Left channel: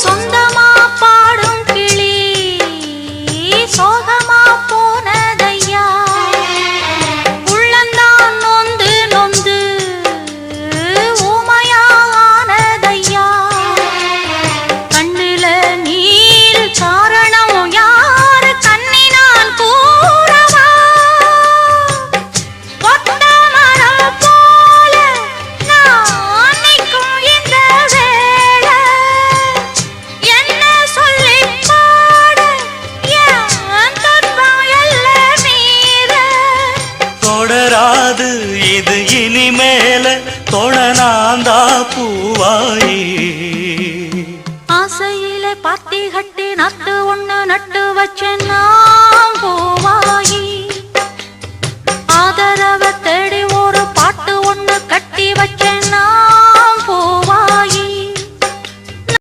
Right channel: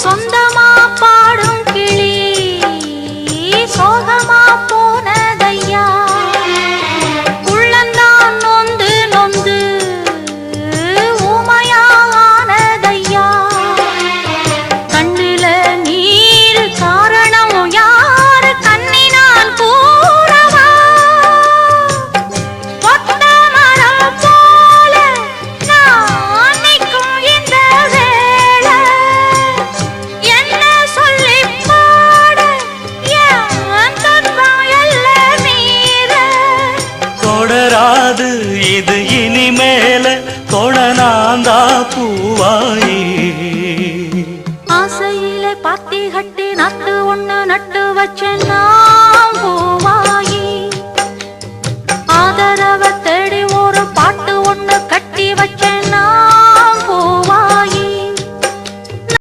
சொந்தமா பாடும் கிளி சோகமா போனதையா உள்ளந்தான் நொந்து நொந்து ஊமையானதையா கண்ணில நீர் காரணம் யாரு கண்ணி நான் கூறவா ஒத்த மரம் போல நான் நிற்கும் இந்த வேளை என்ன சொல்லி பாட என் துன்பம் எல்லாம் மீற தொடராது இது இனிமேல தொடனாந்தா பூவாயி ஆசையில பாத்தி கட்டி நட்டு ஒண்ணு நட்டு வச்ச நான் பூவாயி ஆதரவ